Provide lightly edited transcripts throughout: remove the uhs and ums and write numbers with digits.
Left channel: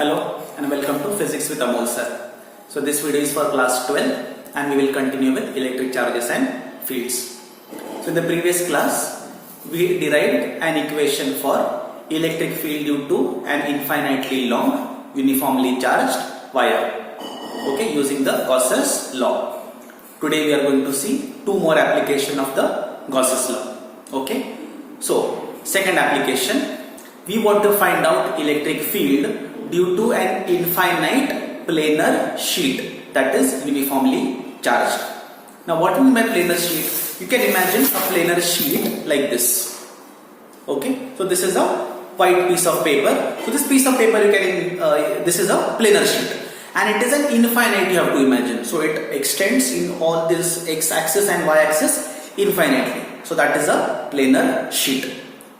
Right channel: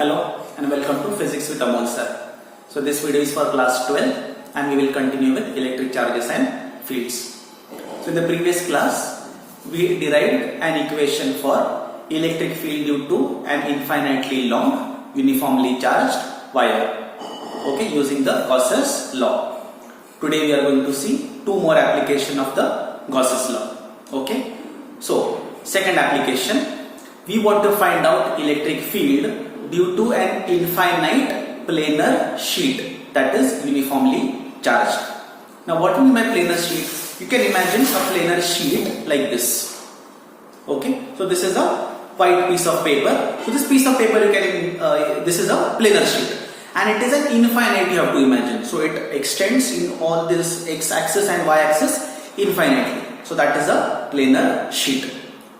Hello and welcome to Physics with Amol sir. So this video is for class 12 and we will continue with electric charges and fields. So in the previous class we derived an equation for electric field due to an infinitely long uniformly charged wire, okay, using the Gauss's law. Today we are going to see two more application of the Gauss's law, okay. So second application, we want to find out electric field due to an infinite planar sheet that is uniformly charged. Now what do you mean by planar sheet? You can imagine a planar sheet like this. Okay, so this is a white piece of paper. So this piece of paper you can, this is a planar sheet and it is an infinite, you have to imagine. So it extends in all this x-axis and y-axis infinitely. So that is a planar sheet.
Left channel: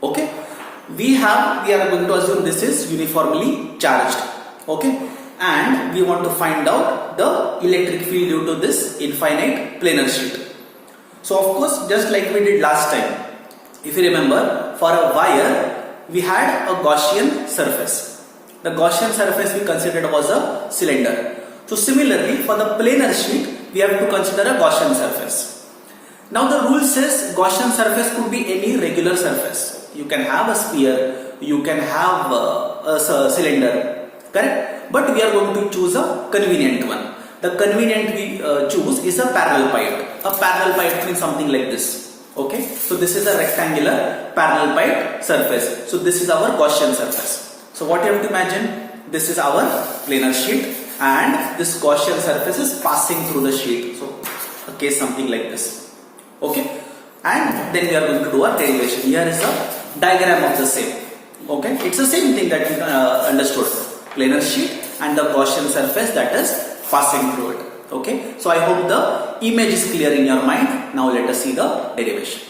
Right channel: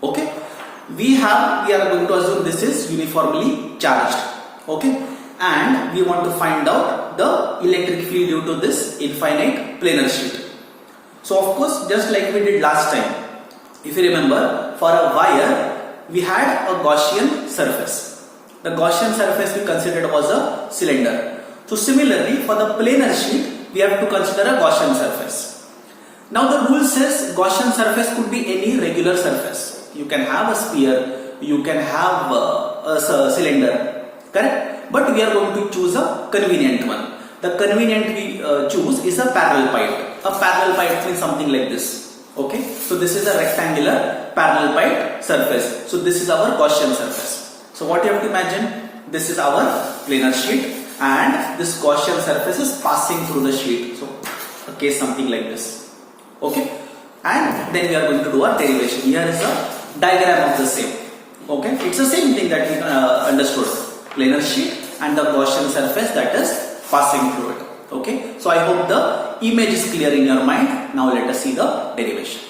Okay. We are going to assume this is uniformly charged, okay, and we want to find out the electric field due to this infinite planar sheet. So of course, just like we did last time, if you remember, for a wire we had a Gaussian surface. The Gaussian surface we considered was a cylinder. So similarly, for the planar sheet we have to consider a Gaussian surface. Now the rule says Gaussian surface could be any regular surface. You can have a sphere, you can have a cylinder, correct? But we are going to choose a convenient one. The convenient we choose is a parallel pipe. A parallel pipe means something like this. Okay, so this is a rectangular parallel pipe surface. So this is our Gaussian surface. So what you have to imagine, this is our planar sheet and this Gaussian surface is passing through the sheet. So a case something like this. Okay, and then we are going to do our derivation. Here is a diagram of the same. Okay, it's the same thing that we understood, planar sheet and the Gaussian surface that is passing through it. Okay, so I hope the image is clear in your mind. Now let us see the derivation.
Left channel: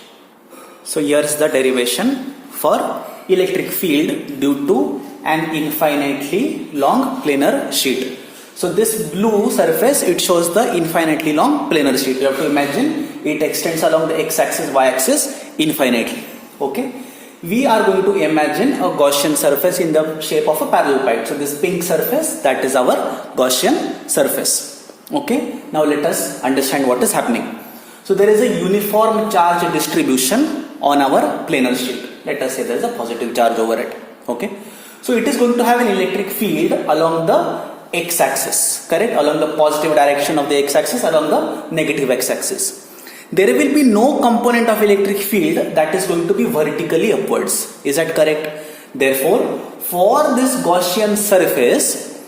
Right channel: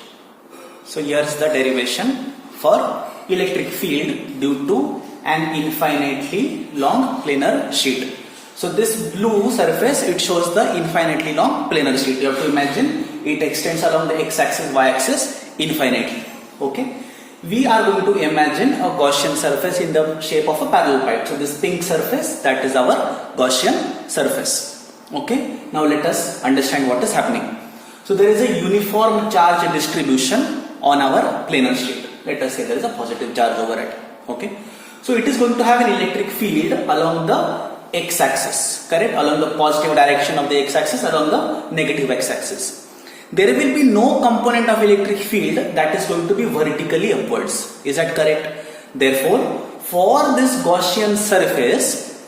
So here's the derivation for electric field due to an infinitely long planar sheet. So this blue surface, it shows the infinitely long planar sheet. You have to imagine it extends along the x-axis, y-axis infinitely. Okay. We are going to imagine a Gaussian surface in the shape of a parallel pipe. So this pink surface, that is our Gaussian surface. Okay. Now let us understand what is happening. So there is a uniform charge distribution on our planar sheet. Let us say there is a positive charge over it. Okay. So it is going to have an electric field along the x-axis, correct? Along the positive direction of the x-axis, along the negative x-axis. There will be no component of electric field that is going to be vertically upwards. Is that correct? Therefore, for this Gaussian surface,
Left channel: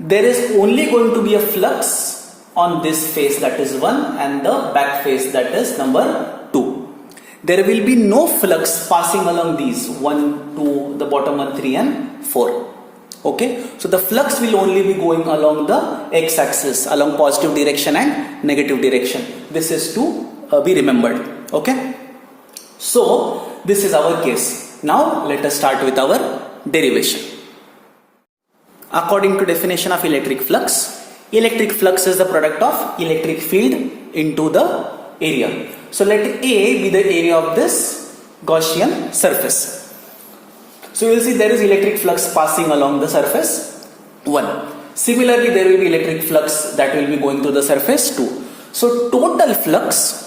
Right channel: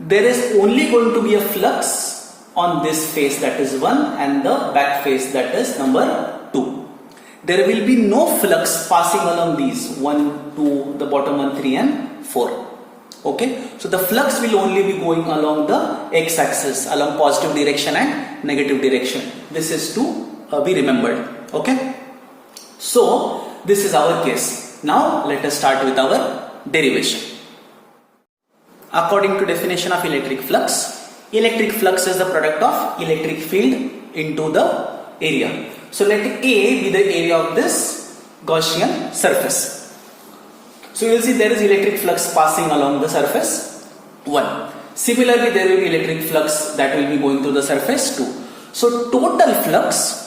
there is only going to be a flux on this face, that is 1, and the back face, that is number 2. There will be no flux passing along these 1, 2, the bottom one, 3 and 4. Okay, so the flux will only be going along the x-axis, along positive direction and negative direction. This is to be remembered. Okay, so this is our case. Now let us start with our derivation. According to definition of electric flux is the product of electric field into the area. So let A be the area of this Gaussian surface. So you will see there is electric flux passing along the surface 1. Similarly, there will be electric flux that will be going through the surface 2. So total flux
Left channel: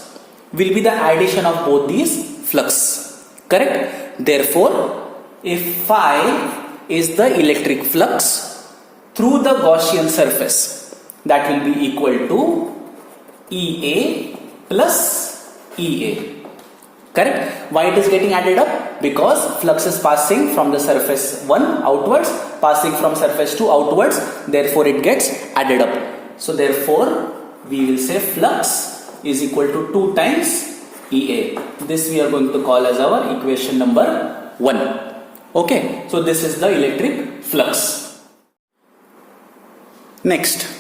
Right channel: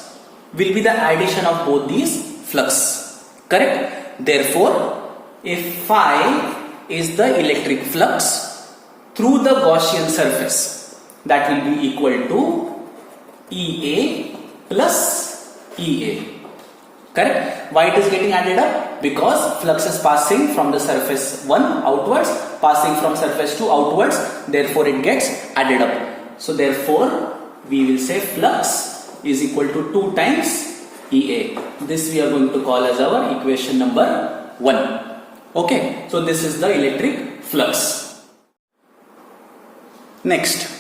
will be the addition of both these flux, correct? Therefore, if phi is the electric flux through the Gaussian surface, that will be equal to EA plus EA. Correct? Why it is getting added up? Because flux is passing from the surface 1 outwards, passing from surface 2 outwards, therefore it gets added up. So therefore, we will say flux is equal to 2 times EA. This we are going to call as our equation number 1. Okay, so this is the electric flux. Next,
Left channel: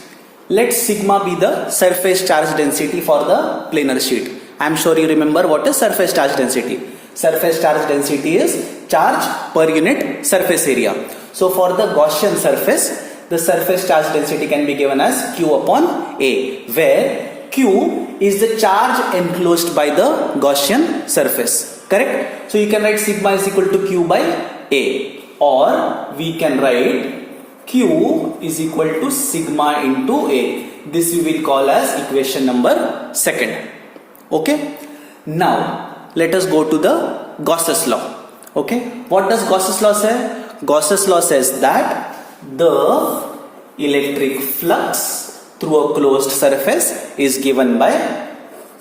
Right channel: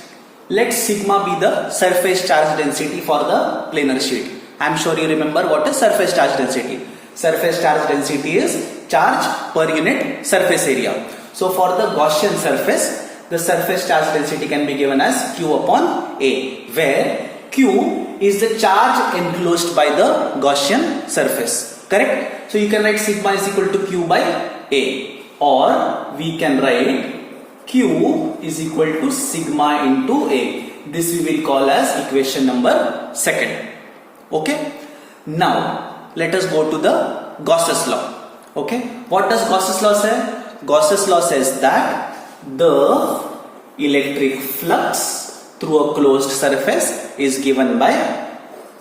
let sigma be the surface charge density for the planar sheet. I am sure you remember what is surface charge density. Surface charge density is charge per unit surface area. So for the Gaussian surface, the surface charge density can be given as Q upon A, where Q is the charge enclosed by the Gaussian surface, correct? So you can write sigma is equal to Q by A, or we can write Q is equal to sigma into A. This we will call as equation number 2. Okay. Now let us go to the Gauss's law. Okay. What does Gauss's law say? Gauss's law says that the electric flux through a closed surface is given by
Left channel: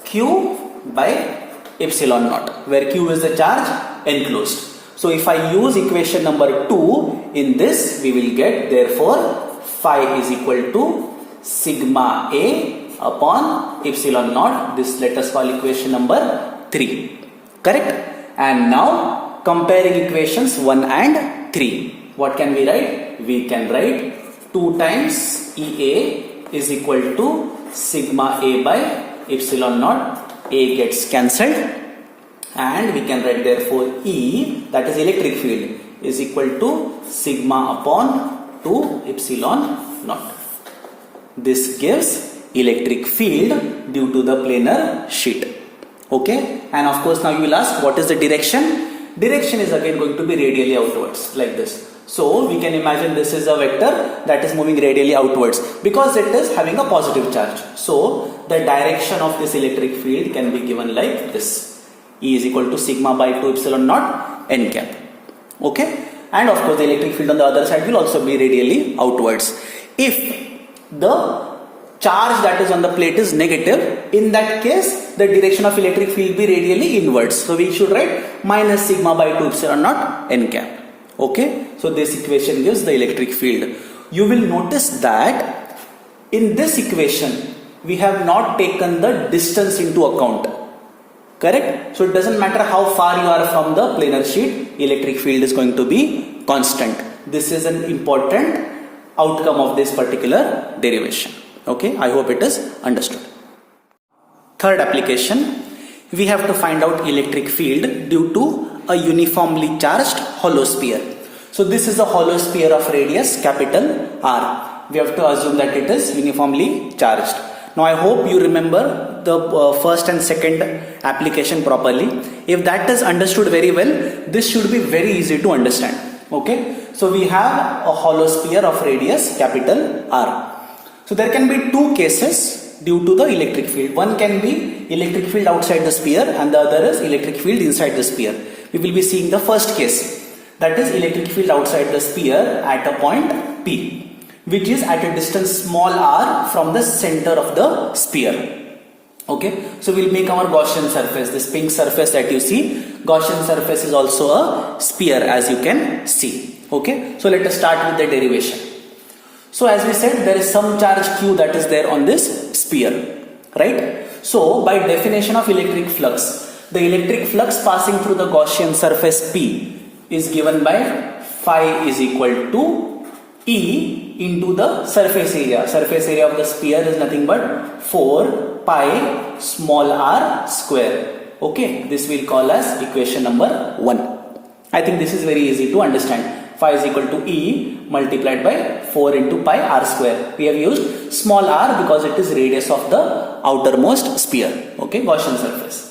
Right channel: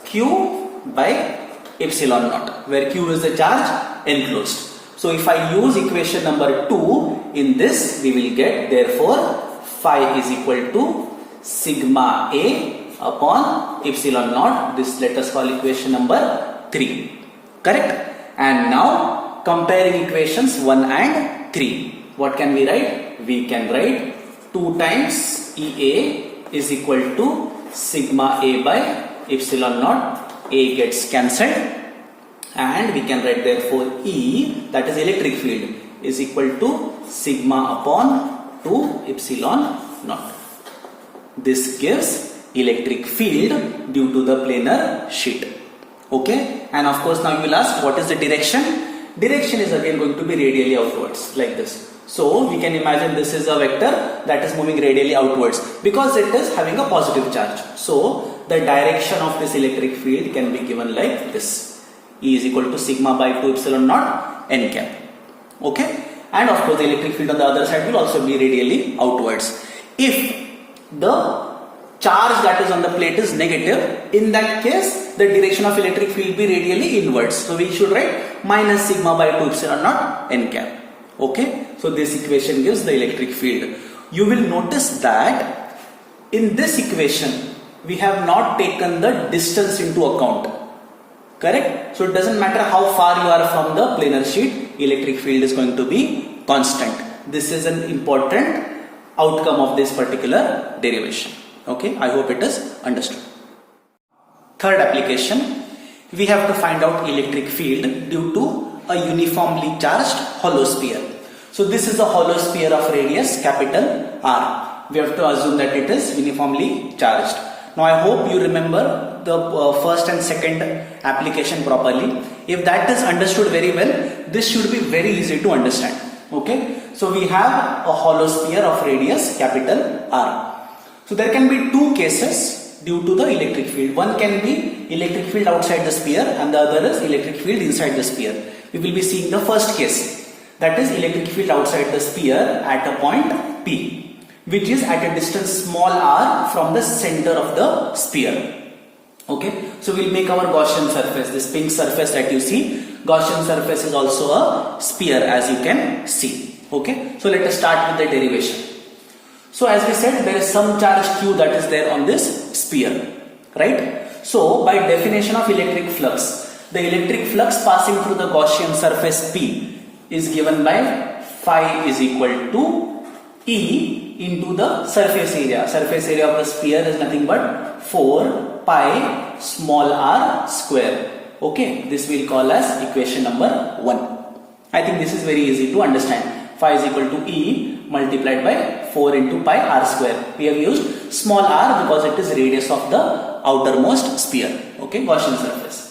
Q by epsilon naught, where Q is the charge enclosed. So if I use equation number 2 in this, we will get therefore phi is equal to sigma A upon epsilon naught. This let us call equation number 3. Correct? And now comparing equations 1 and 3. What can we write? We can write 2 times EA is equal to sigma A by epsilon naught. A gets cancelled, and we can write therefore E, that is electric field, is equal to sigma upon 2 epsilon naught. This gives electric field due to the planar sheet. Okay, and of course now you will ask, what is the direction? Direction is again going to be radially outwards, like this. So we can imagine this is a vector that is moving radially outwards because it is having a positive charge. So the direction of this electric field can be given like this. E is equal to sigma by 2 epsilon naught n cap. Okay, and of course the electric field on the other side will also be radially outwards. If the charge that is on the plate is negative, in that case the direction of electric field will be radially inwards. So we should write minus sigma by 2 epsilon naught n cap. Okay, so this equation gives the electric field. You will notice that in this equation we have not taken the distance into account. Correct? So it doesn't matter how far you are from the planar sheet, electric field is going to be constant. This is an important outcome of this particular derivation. Okay, I hope it is understood. Third application, we have to find out electric field due to a uniformly charged hollow sphere. So this is a hollow sphere of radius capital R. We have to assume that it is uniformly charged. Now I hope you remember the first and second application properly. If that is understood very well, this should be very easy to understand. Okay, so we have a hollow sphere of radius capital R. So there can be two cases due to the electric field. One can be electric field outside the sphere and the other is electric field inside the sphere. We will be seeing the first case, that is electric field outside the sphere at a point P, which is at a distance small r from the center of the sphere. Okay, so we'll make our Gaussian surface, this pink surface that you see. Gaussian surface is also a sphere, as you can see. Okay, so let us start with the derivation. So as we said, there is some charge Q that is there on this sphere, right? So by definition of electric flux, the electric flux passing through the Gaussian surface P is given by phi is equal to E into the surface area. Surface area of the sphere is nothing but 4 pi small r square. Okay, this we'll call as equation number 1. I think this is very easy to understand. Phi is equal to E multiplied by 4 into pi r square. We have used small r because it is radius of the outermost sphere. Okay, Gaussian surface.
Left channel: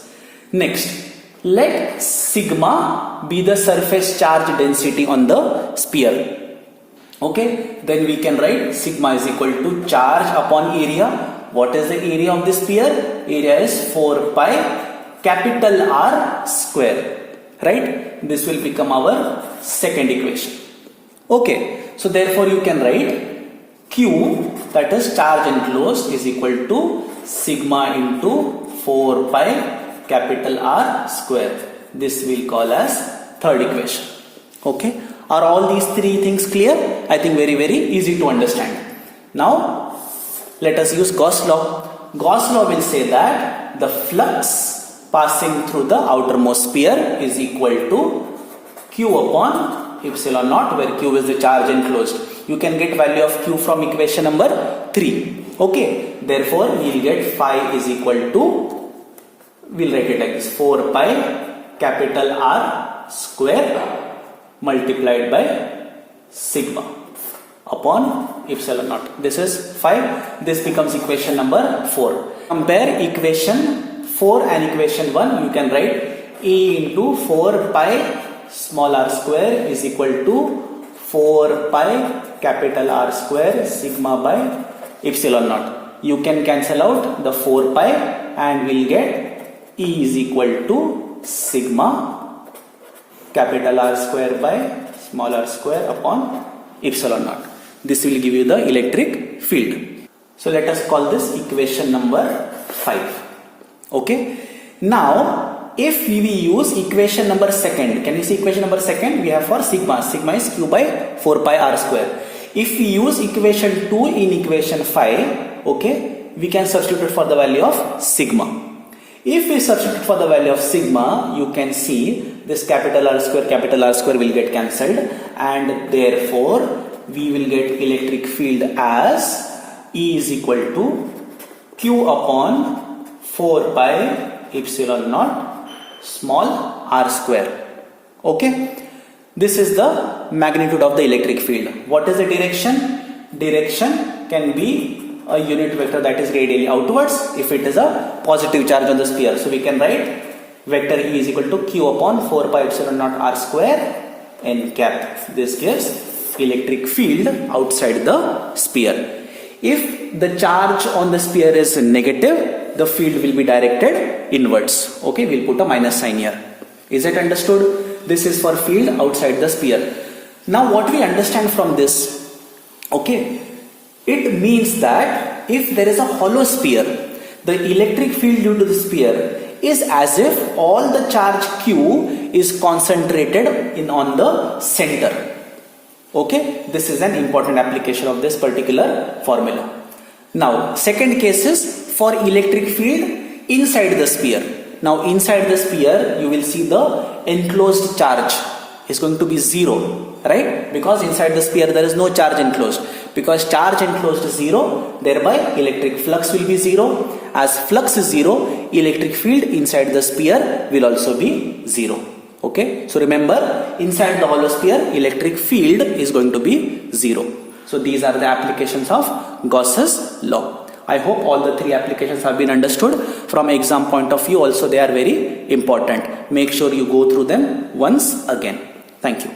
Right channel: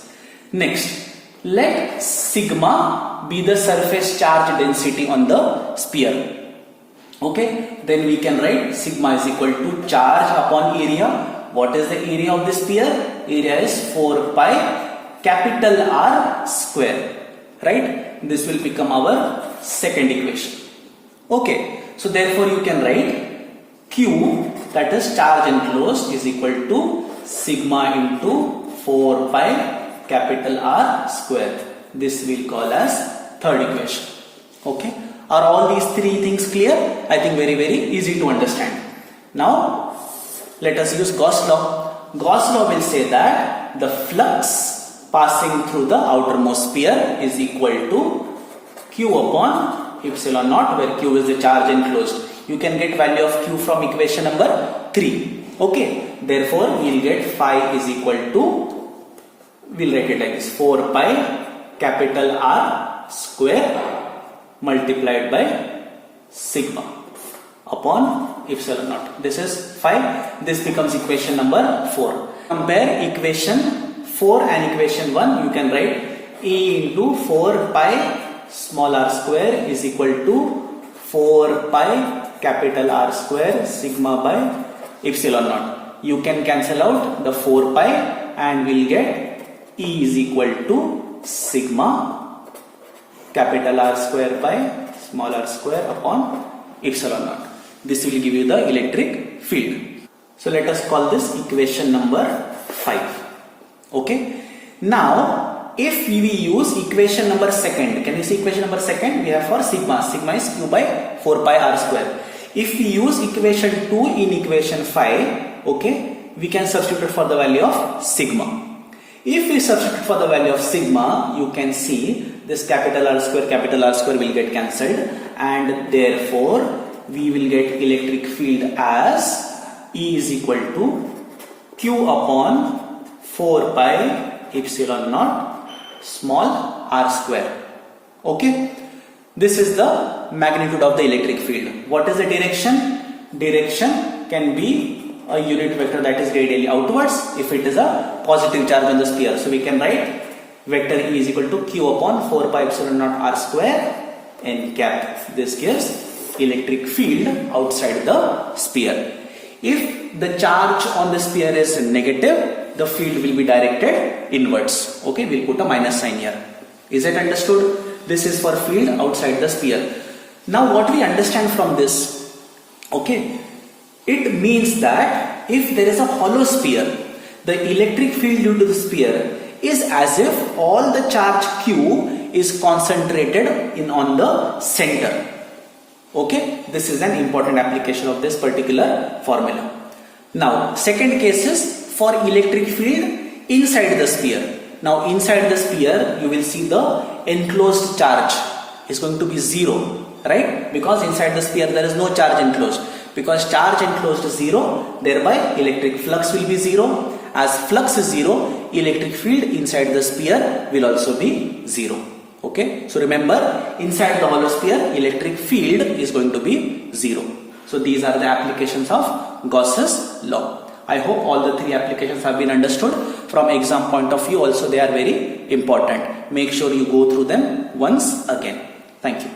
Next, let sigma be the surface charge density on the sphere. Okay, then we can write sigma is equal to charge upon area. What is the area of the sphere? Area is 4 pi capital R square. Right? This will become our second equation. Okay, so therefore you can write Q, that is charge enclosed, is equal to sigma into 4 pi capital R square. This we'll call as third equation. Okay, are all these three things clear? I think very easy to understand. Now let us use Gauss law. Gauss law will say that the flux passing through the outermost sphere is equal to Q upon epsilon naught, where Q is the charge enclosed. You can get value of Q from equation number 3. Okay, therefore we will get phi is equal to, we'll write it like this, 4 pi capital R square multiplied by sigma upon epsilon naught. This is 5. This becomes equation number 4. Compare equation 4 and equation 1. You can write E into 4 pi small r square is equal to 4 pi capital R square sigma by epsilon naught. You can cancel out the 4 pi and we'll get E is equal to sigma capital R square by small r square upon epsilon naught. This will give you the electric field. So let us call this equation number 5. Okay. Now, if we use equation number second, can you see equation number second? We have for sigma. Sigma is q by 4 pi r square. If we use equation 2 in equation 5, okay, we can substitute for the value of sigma. If we substitute for the value of sigma, you can see this capital R square will get cancelled, and therefore we will get electric field as E is equal to Q upon 4 pi epsilon naught small r square. Okay. This is the magnitude of the electric field. What is the direction? Direction can be a unit vector that is radially outwards if it is a positive charge on the sphere. So we can write vector E is equal to Q upon 4 pi epsilon naught r square n cap. This gives electric field outside the sphere. If the charge on the sphere is negative, the field will be directed inwards. Okay, we'll put a minus sign here. Is it understood? This is for field outside the sphere. Now what we understand from this, okay, it means that if there is a hollow sphere, the electric field due to the sphere is as if all the charge Q is concentrated on the center. Okay, this is an important application of this particular formula. Now, second case is for electric field inside the sphere. Now, inside the sphere, you will see the enclosed charge is going to be 0, right? Because inside the sphere there is no charge enclosed. Because charge enclosed is 0, thereby electric flux will be 0. As flux is 0, electric field inside the sphere will also be 0. Okay, so remember, inside the hollow sphere, electric field is going to be 0. So these are the applications of Gauss's law. I hope all the 3 applications have been understood. From exam point of view also they are very important. Make sure you go through them once again. Thank you.